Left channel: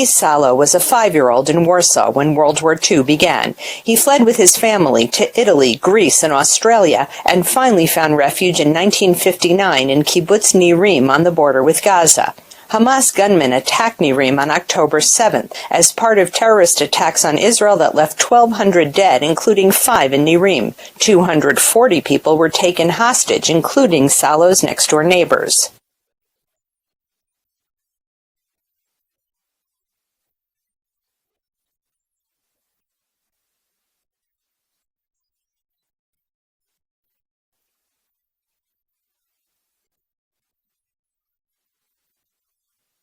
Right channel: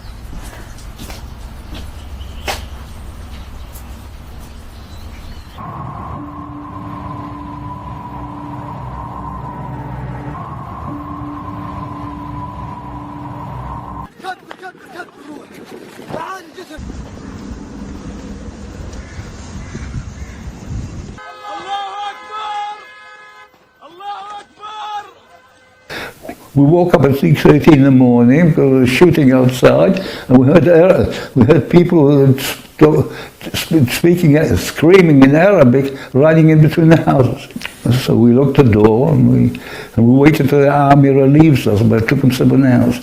Lee Salo was a 5-year-old in Warsaw when World War II began. He fled with his family to Italy, Greece, and Australia, and finally found refuge in 1959 in Kibbutz Negba on the border with Gaza. Hamas gunmen attacked Negba on October 7th as part of terrorist attacks on Israel that left 1,200 dead, including 5 in Negba. 240 people were taken hostage, including Salo's next-door neighbors. We woke up at 6:30 in the morning because there was shooting outside, and we heard people screaming in Arabic, running in between the houses. So we locked the door and we waited till the army relieves us, but it took them 7 hours.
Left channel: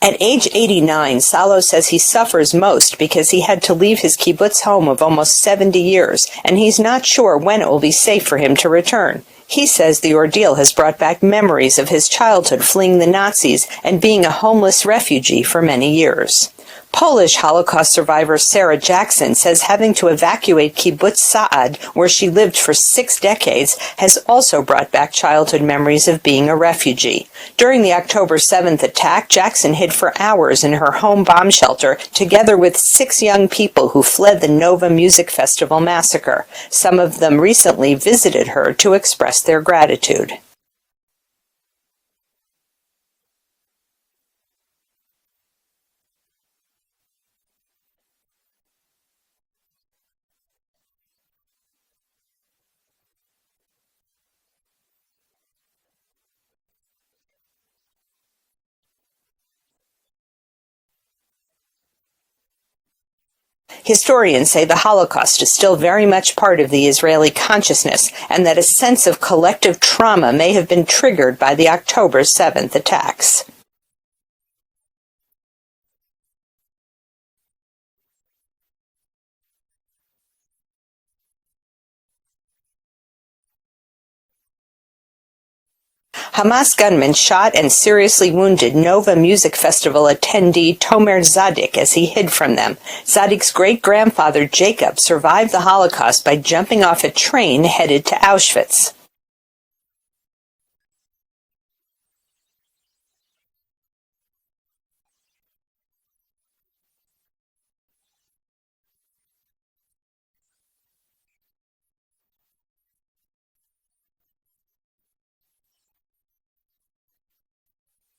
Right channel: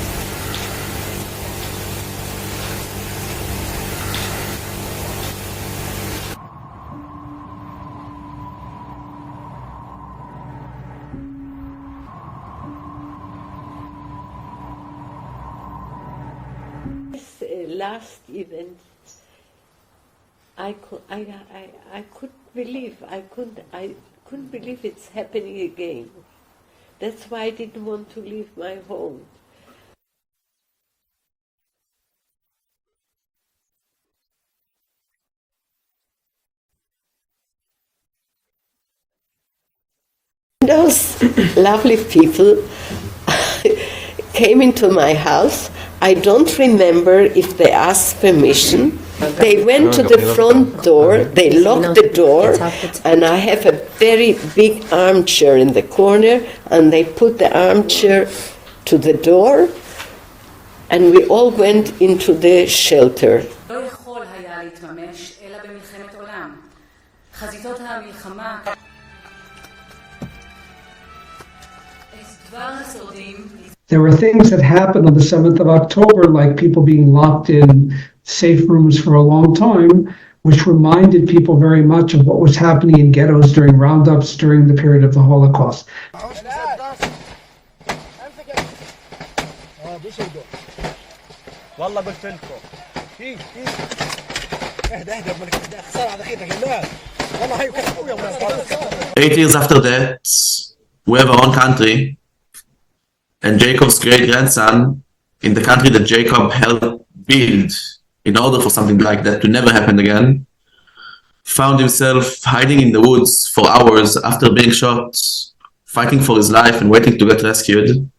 At age 89, Salo says he suffers most because he had to leave his kibbutz home of almost 70 years, and he's not sure when it will be safe for him to return. He says the ordeal has brought back memories of his childhood fleeing the Nazis and being a homeless refugee for many years. Polish Holocaust survivor Sarah Jackson says having to evacuate Kibbutz Sa'ad, where she lived for 6 decades, has also brought back childhood memories of being a refugee. During the October 7th attack, Jackson hid for hours in her home bomb shelter, together with 6 young people who fled the Nova Music Festival massacre. Some of them recently visited her to express their gratitude. Those lovely people came into my house. I don't remember if they asked permission. They went to the front door, they locked the door, and I have a very big armchair in the corner, and they put the armchair to the door, and we all went into the shelter. Historians say the Holocaust is still very much part of the Israeli consciousness, and that a sense of collective trauma may have been triggered by the October 7th attacks. There were things that happened on the 7th of October, like people being locked in safe rooms for a long time, which reminded people very much of what was happening in ghettos during roundups during the period of the Holocaust. Hamas gunmen shot and seriously wounded Nova Music Festival attendee Tomer Zadik as he hid from them. Zadik's great-grandfather Jacob survived the Holocaust by jumping off a train headed to Auschwitz. 8 years after that, we have our own country. And Jacob's great-grandson, in the country that Jacob helped build in order for something like that to never happen again, found himself hiding in the woods for hours after being shot, fighting for his life and waiting to get rescued.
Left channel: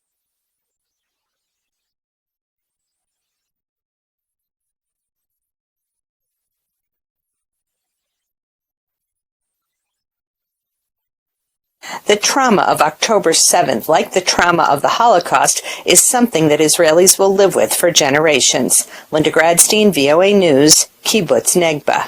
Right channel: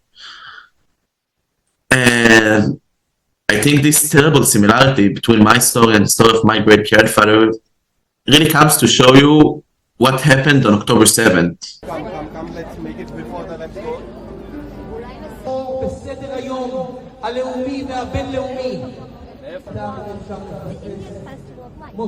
And I think this terrible similarity between my story and the story of my great-grandfather really comes to show you what happened on October 7th. The trauma of October 7th, like the trauma of the Holocaust, is something that Israelis will live with for generations. Linda Gradstein, VOA News, Kibbutz Negba.